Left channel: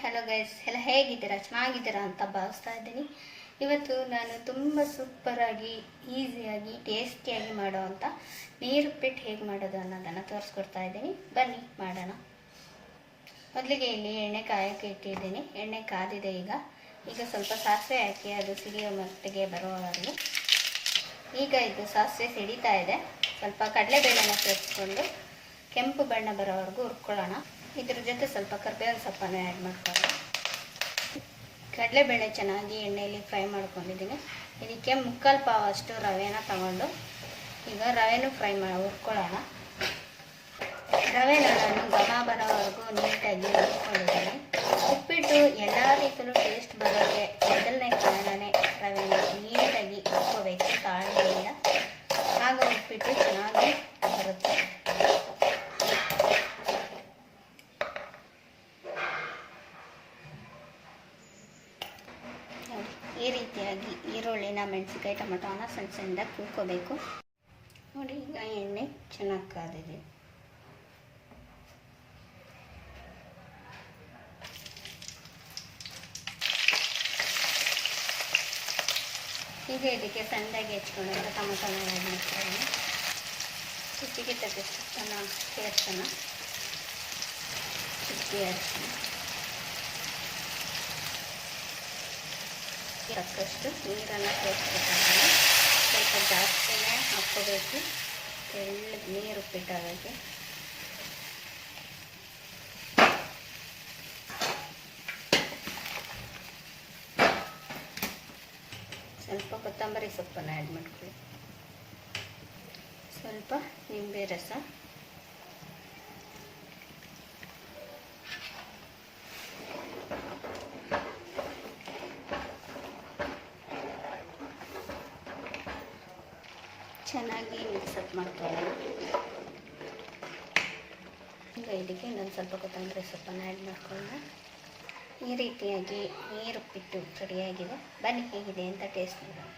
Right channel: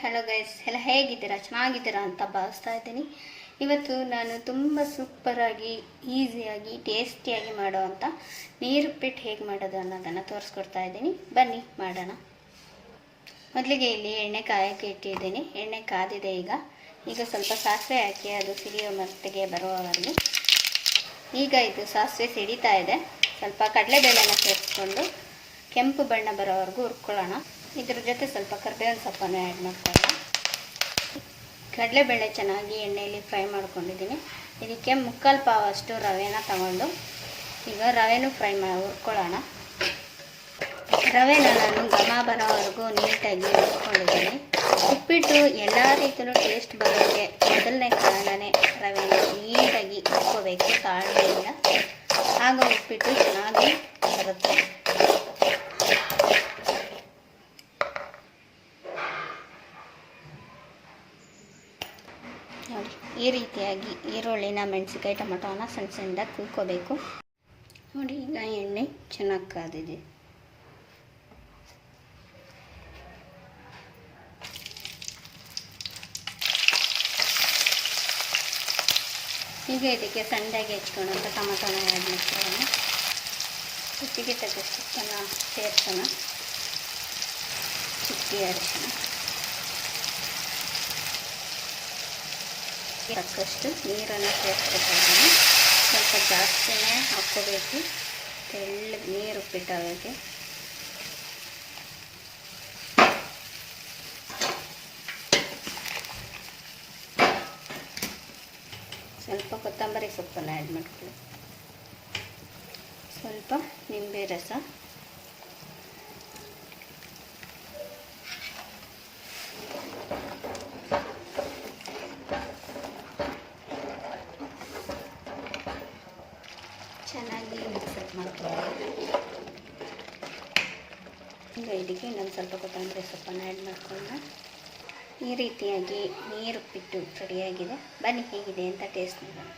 Hello guys, ಎಲ್ಲ ಹೇಗಿದ್ದೀರಾ? ಚೆನ್ನಾಗಿದ್ದೀರಾ ಅಂತ ಭಾವಿಸ್ತಾ ಇದ್ದೀನಿ. ಇವತ್ತು ನಾನು ತುಂಬ ಸೂಪರಾಗಿ, ಈಸಿಯಾಗಿ, ಟೇಸ್ಟಿಯಾಗಿ ಮಾಡೋವಂಥ ನೀರುಪ್ಪಿಟ್ಟು ಹೇಗೆ ಮಾಡೋದು ಅನ್ನೋದನ್ನು ತೋರಿಸ್ಕೊಡ್ತಾ ಇದ್ದೀನಿ. ಬನ್ನಿ ಮಾಡೋಣ. ಮೊದಲಿಗೆ ಇಲ್ಲಿ ಎಣ್ಣೆ ಕಾಯೋಕ್ಕೆ ಇಟ್ಟಿದ್ದೀನಿ. ಎಣ್ಣೆ ಕಾದಿದೆ. ಈಗ ಸ್ವಲ್ಪ ಸಾಸಿವೆ ಹಾಕಿ ಅದು ಸಿಡಿಯೋ ಮಟ್ಟಿಗೆ ಬರುವವರೆಗೂ. ಈಗ ಇದು ಸಾಸಿವೆ ಸಿಡಿತಾ ಇದೆ. ಸ್ವಲ್ಪ ಕಡಲೆಬೇಳೆನ ಸೇರಿಸ್ಕೊಂಡು ಕೆಂಪು ಬಣ್ಣ ಬರೋವರೆಗೂ ಹುರ್ಕೊಳ್ಳೋಣ. ಇದ್ರ ಜೊತೆ ಸ್ವಲ್ಪ ಕರಿಬೇವಿನ ಸೊಪ್ಪನ್ನು ಆ್ಯಡ್ ಮಾಡ್ಕೊಳ್ಳೋಣ. ಕಡಲೆಬೇಳೆ ಚೆನ್ನಾಗಿ ಎಣ್ಣೆಯಲ್ಲಿ ಫ್ರೈ ಮಾಡ್ಕೊಂಡಿದ್ದೀನಿ. ಇದಕ್ಕೆ ಮುಕ್ಕಾಲು ಪಾವ್ ಅಷ್ಟು ರವೆನ ತಗೊಂಡು ಈಗ ರವೆನೂ ಹುರ್ಕೊಳ್ಳೋಣ. ರವೆನ ನಾನು ಘಮ ಬರೋವರೆಗೂ ನೀಟಾಗಿ ಹುರ್ಕೊಂಡಿದ್ದೀನಿ. ಉಪ್ಪಿಟ್ಟು ಎಲ್ಲ ರೀತಿಯೂ ಟೇಸ್ಟ್ ಬರೋಕ್ಕೆ ಮೊದಲನೇ ಕಾರಣನೇ ರವೆನ ನೀಟಾಗಿ ಹುರ್ಕೋಬೇಕು ತಾಳ್ಮೆಯಿಂದ. ಆಗ ಉಪ್ಪಿಟ್ಟು ಚೆನ್ನಾಗಿ ಬರುತ್ತೆ. ನೋಡಿ, ಈ ರೀತಿಯಾಗಿ ಈರುಳ್ಳಿನ, ಮೆಣಸಿನ್ಕಾಯಿ, ಟೊಮೊಟೊನ ಸಣ್ಣ ಸಣ್ಣದಾಗಿ ಕುಯ್ಕೋಬೇಕು. ನೋಡಿ, ಈಗ ಎಣ್ಣೆ ಚೆನ್ನಾಗಿ ಕಾದಿದೆ. ಈಗ ಇದಕ್ಕೆ ಸಣ್ಣದಾಗಿ ಹೆಚ್ಕೊಂಡು ಟೊಮೊಟೊನ ಆ್ಯಡ್ ಮಾಡ್ಕೊಳ್ಳೋಣ. ರುಚಿಗೆ ತಕ್ಕಷ್ಟು ಚೆನ್ನಾಗಿ ಸೇರಿಸೋಣ. ಚಿಕ್ಕಿ ಅರಿಶಿನ, ತಕ್ಕಷ್ಟು ನೀರನ್ನು ಸೇರಿಸ್ಬೇಕಾದ್ರೆ ಸ್ವಲ್ಪ ಜಾಸ್ತಿನೇ ಹಾಕ್ಕೋಬೇಕು. ತೆಳ್ಳಗೆ ನೀರು ಉಪ್ಪಿಟ್ಟೋಕ್ಕೆ ಸ್ವಲ್ಪ ಕೊತ್ತಂಬರಿ ಸೊಪ್ಪನ್ನು ಆ್ಯಡ್ ಮಾಡ್ಕೊಳ್ಳಿ. ಸ್ವಲ್ಪ ನಿಂಬೆ ರಸ, ಚೆನ್ನಾಗಿ ಮಿಕ್ಸಪ್ ಮಾಡ್ಕೊಳ್ಳೋಣ. ಈಗ ಇದಕ್ಕೆ ಇನ್ನೊಂದು ಸ್ವಲ್ಪ ಕೊತ್ತಂಬರಿ ಸೊಪ್ಪನ್ನು ಆ್ಯಡ್ ಮಾಡ್ಕೊಳ್ಳೋಣ. ಈ ರೀತಿಯಾಗಿ ನೀರುಪ್ಪಿಟ್ಟು ರೆಡಿಯಾಗಿದೆ. ಬನ್ನಿ ಹೇಗಿದೆ ಅಂತ ಟೇಸ್ಟ್ ಮಾಡೋಣ.